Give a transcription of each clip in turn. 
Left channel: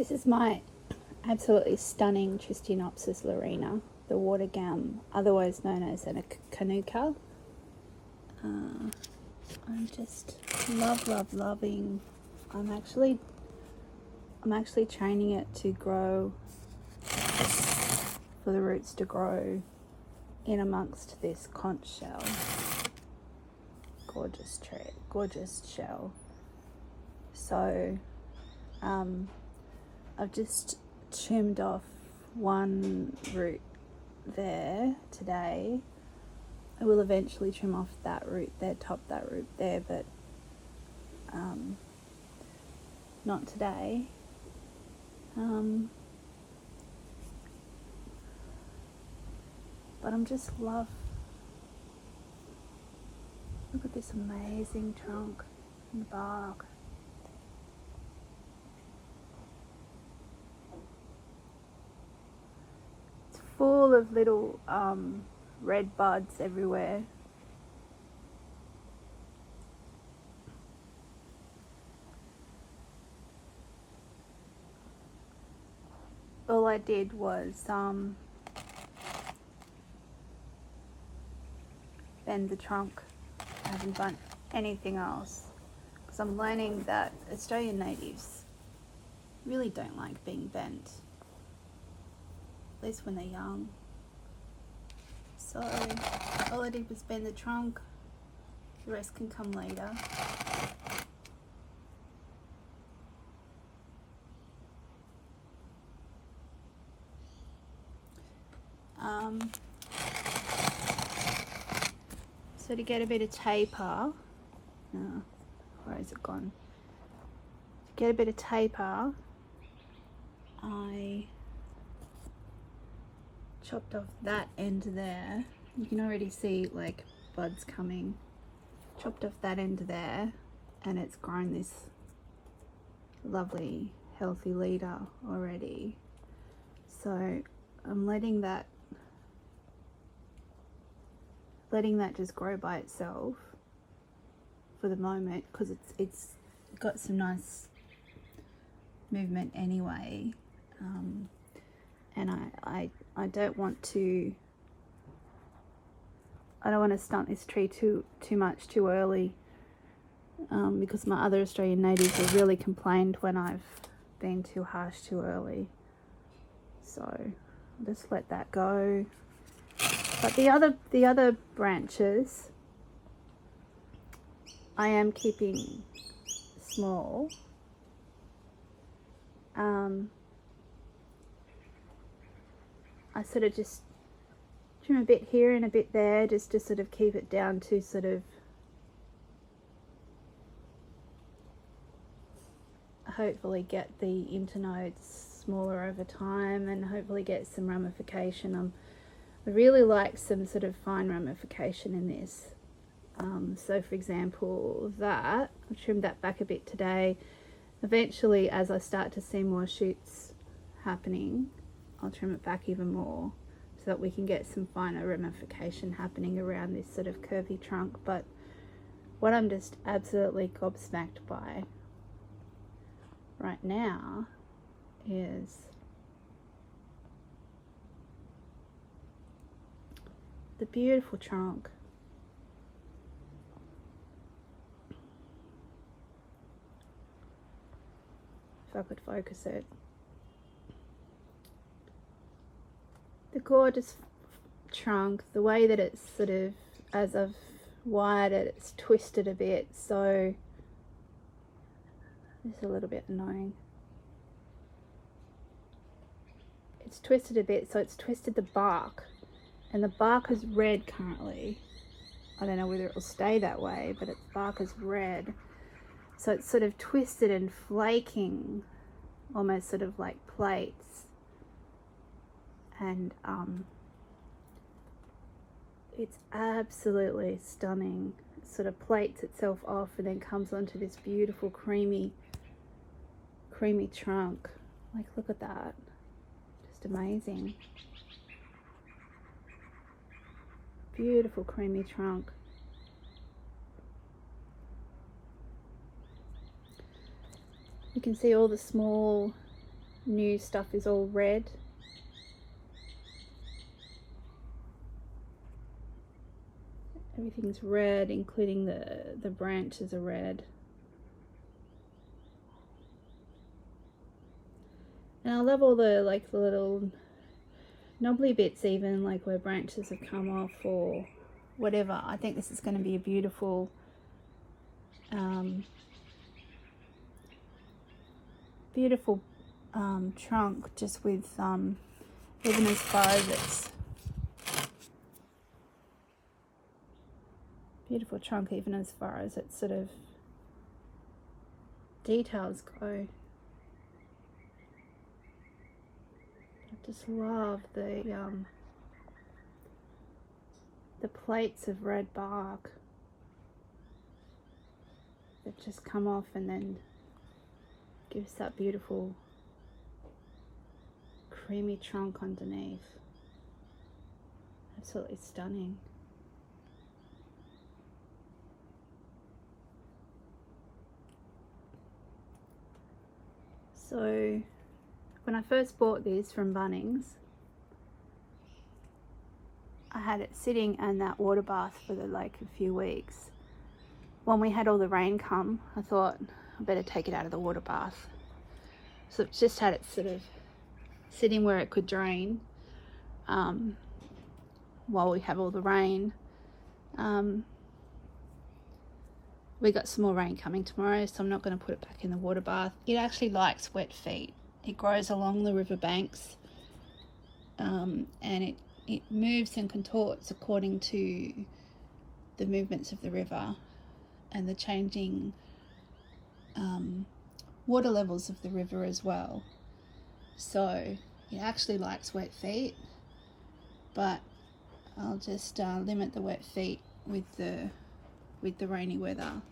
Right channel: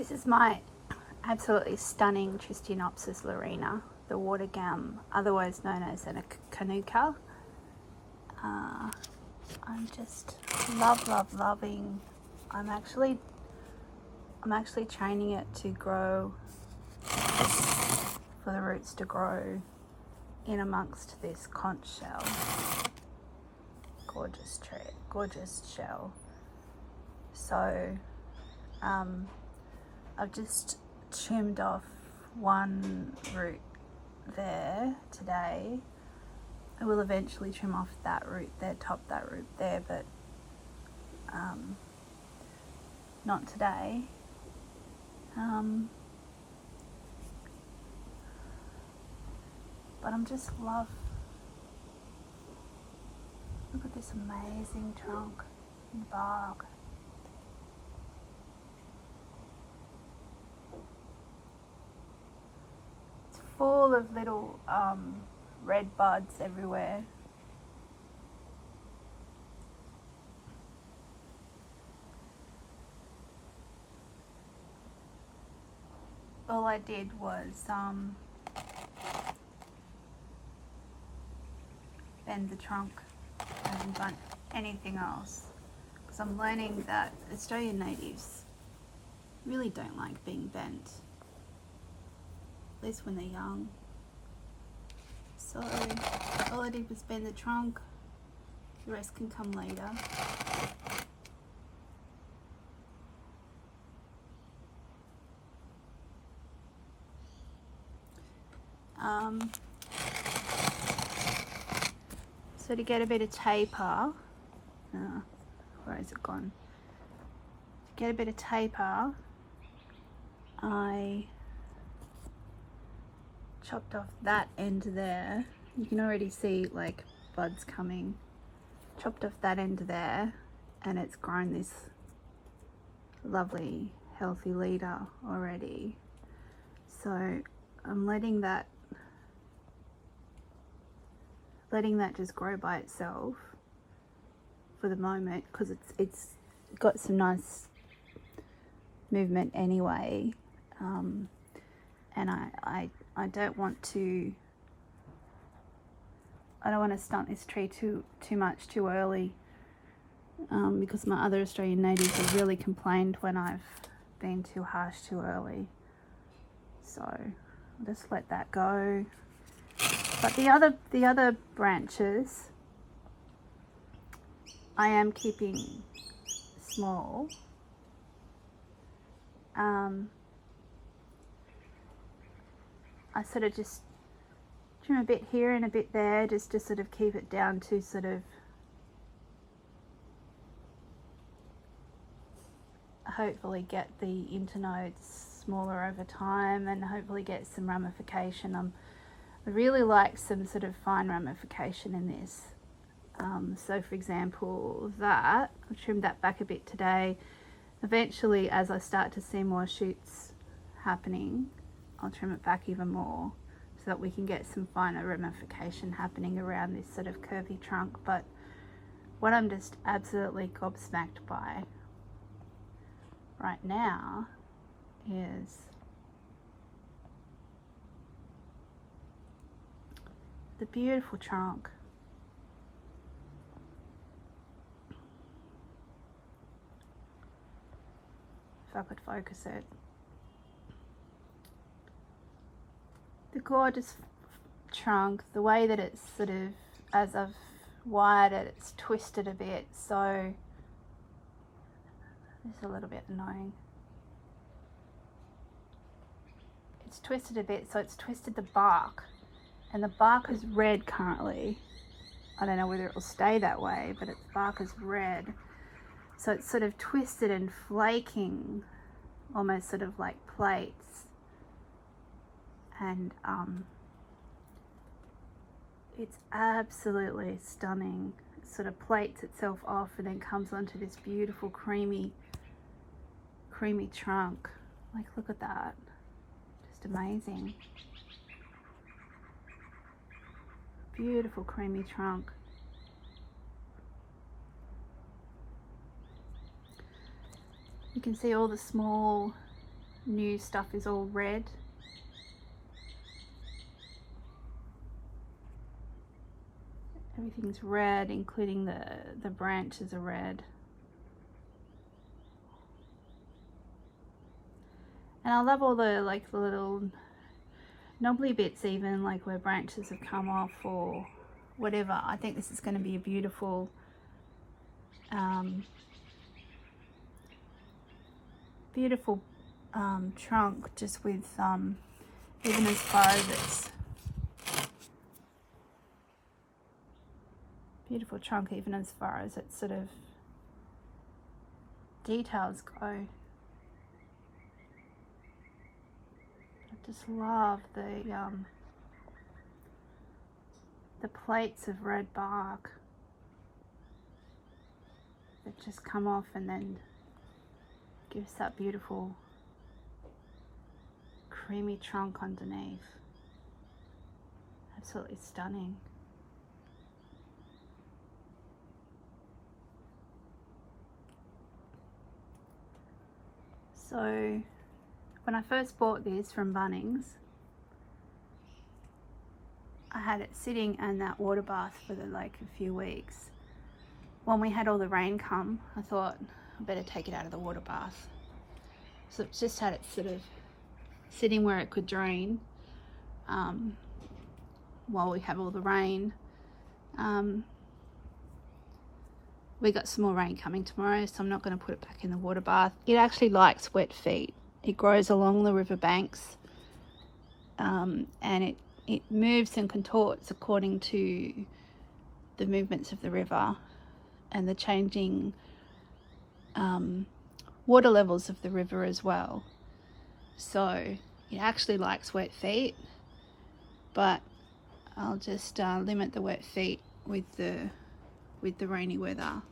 This is my absolutely stunning Tristaniopsis laurina, the water gum, otherwise known as a Kanooka. I'm just loving. I'm actually training it to grow, for the roots to grow in amongst this conch shell. Gorgeous shell. So I've just trimmed off one root there today. I will eventually trim off that root there, top that root there, but not today. But I'm just look at this amazing trunk and bark. It's full of little red buds everywhere. All I did was bend the trunk. I haven't done anything else, because I'm learning that Australian natives really don't like being bent, at least when they're young. So all I did was bend the trunk, the rest can come later. So to get a bit of taper, where has it gone? To get a bit of taper, I chopped off that end there. You can already see like buds coming. Chopped off that end there, and it's grown this lovely healthy leader already. So I'm letting that just grow by itself for the moment, because it's got some nice movement anyway, and I don't want to stunt this tree too much too early, because my other Australian natives have really complained when I've been too harsh too early. So I'll just let that go. But the other branches I am keeping small. I sort of just trim a bit here and a bit there, just to sort of keep it down to sort of hopefully get the internodes smaller over time, and hopefully get some ramification. I really like some sort of fine ramification in this. So for example, that I've trimmed that back a bit today. Eventually, as I start to see more shoots happening, I'll trim it back even more, so that we can get some finer ramification happening around this sort of curvy trunk. But what I'm just absolutely gobsmacked by right now is the beautiful trunk. If I could focus it. The gorgeous trunk, the way that it's sort of, as I've wired it, it's twisted a bit, so it's a little bit annoying. It's twisted a bit, so it's twisted the bark, and the bark is red currently. I don't know whether it will stay that way, but its bark is red. So it's sort of twisted and flaking, almost sort of like plates. And it's absolutely stunning. It sort of plates itself off and then comes onto this beautiful creamy trunk. Like, look at that. Just amazing. Beautiful creamy trunk. You can see all the small new stuff is all red. Everything's red, including the branches are red. And I love all the like the little knobbly bits, even like where branches have come off or whatever. I think this is going to be a beautiful beautiful trunk, just with even as far as its beautiful trunk, even as far as its sort of details go. I just love the plates of red bark that just come off and then gives that beautiful creamy trunk underneath. Absolutely stunning. So when I first bought this from Bunnings, I had it sitting in that water bath for like a few weeks. When we had all the rain come, I thought I better take it out of the water bath. So it just had it sort of sitting where it could drain while we have all the rain. We got some more rain coming tomorrow, so I'm not going to put it back in the water bath. It actually likes wet feet. It grows along the river banks, and it moves and contorts according to the movements of the river and the changing water levels of the river as well. So it actually likes wet feet, but I'll just limit the wet feet with the rainy weather.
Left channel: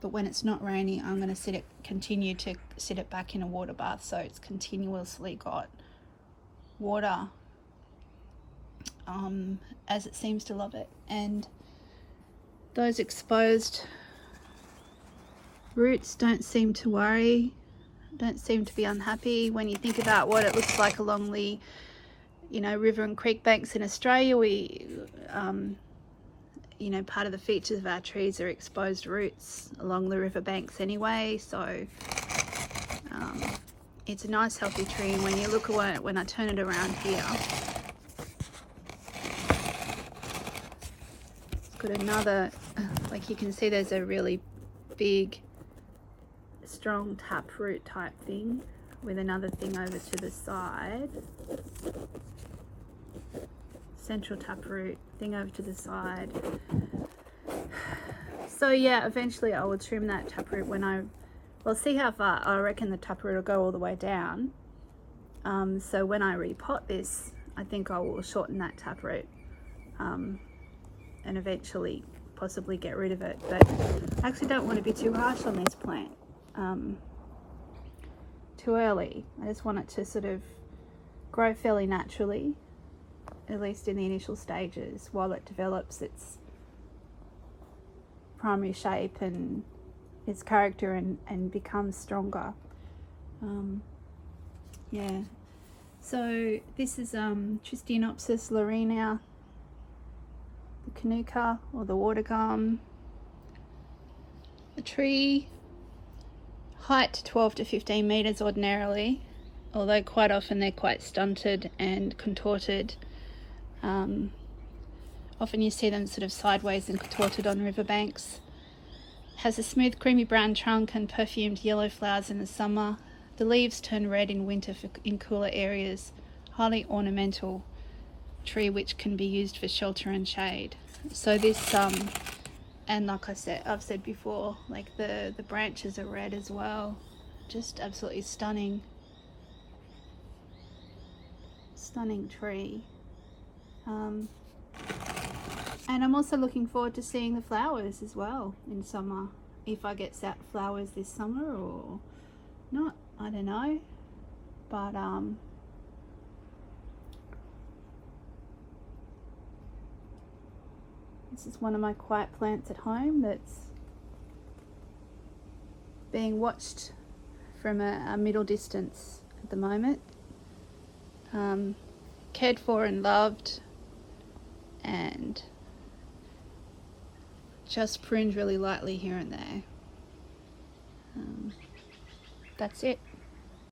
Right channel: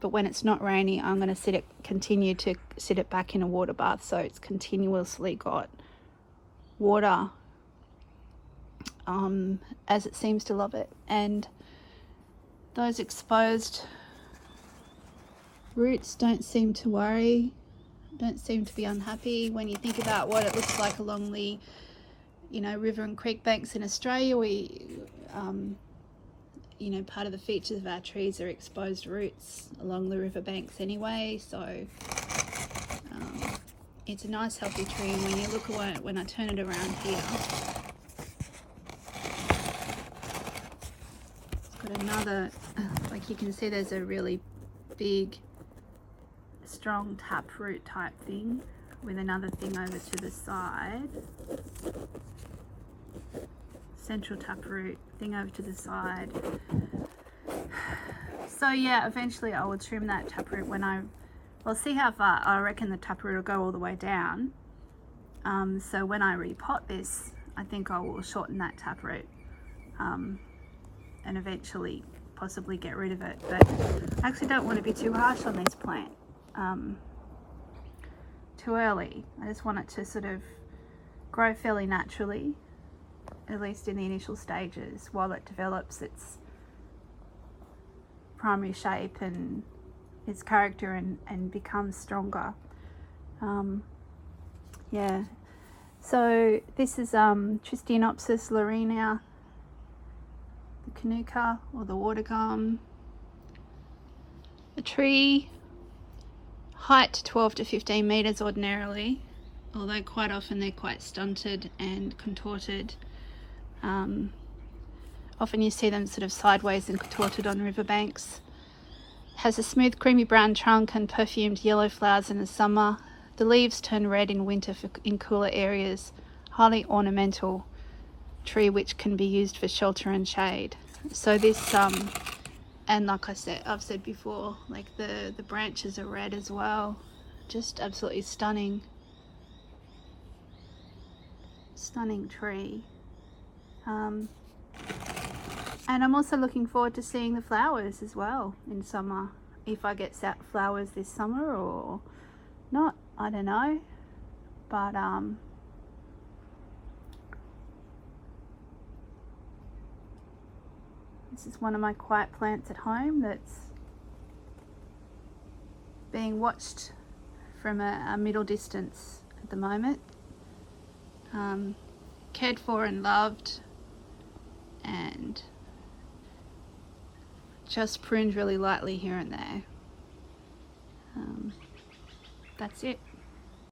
But when it's not rainy, I'm going to continue to sit it back in a water bath, so it's continuously got water, as it seems to love it. And those exposed roots don't seem to worry, don't seem to be unhappy. When you think about what it looks like along the, you know, river and creek banks in Australia, we you know, part of the features of our trees are exposed roots along the river banks anyway, so it's a nice healthy tree. And when you look at it, when I turn it around here, it's got another, like you can see there's a really big strong taproot type thing with another thing over to the side, central taproot thing over to the side. So yeah, eventually I will trim that taproot when we'll see how far. I reckon the taproot will go all the way down. So when I repot this, I think I will shorten that taproot and eventually possibly get rid of it. But I actually don't want to be too harsh on this plant too early. I just want it to sort of grow fairly naturally, at least in the initial stages, while it develops its primary shape and its character and becomes stronger. Yeah, so this is Tristaniopsis laurina, the Kanooka or the water gum. The tree height 12 to 15 meters ordinarily, although quite often they're quite stunted and contorted. Often you see them sort of sideways and contorted on riverbanks. Has a smooth creamy brown trunk and perfumed yellow flowers in the summer. The leaves turn red in winter in cooler areas. Highly ornamental tree which can be used for shelter and shade. So this and like I've said before, like the branches are red as well. Just absolutely stunning tree. And I'm also looking forward to seeing the flowers as well in summer. If I get flowers this summer or not, I don't know. But this is one of my quiet plants at home that's being watched from a middle distance at the moment. Cared for and loved, and just pruned really lightly here and there. That's it.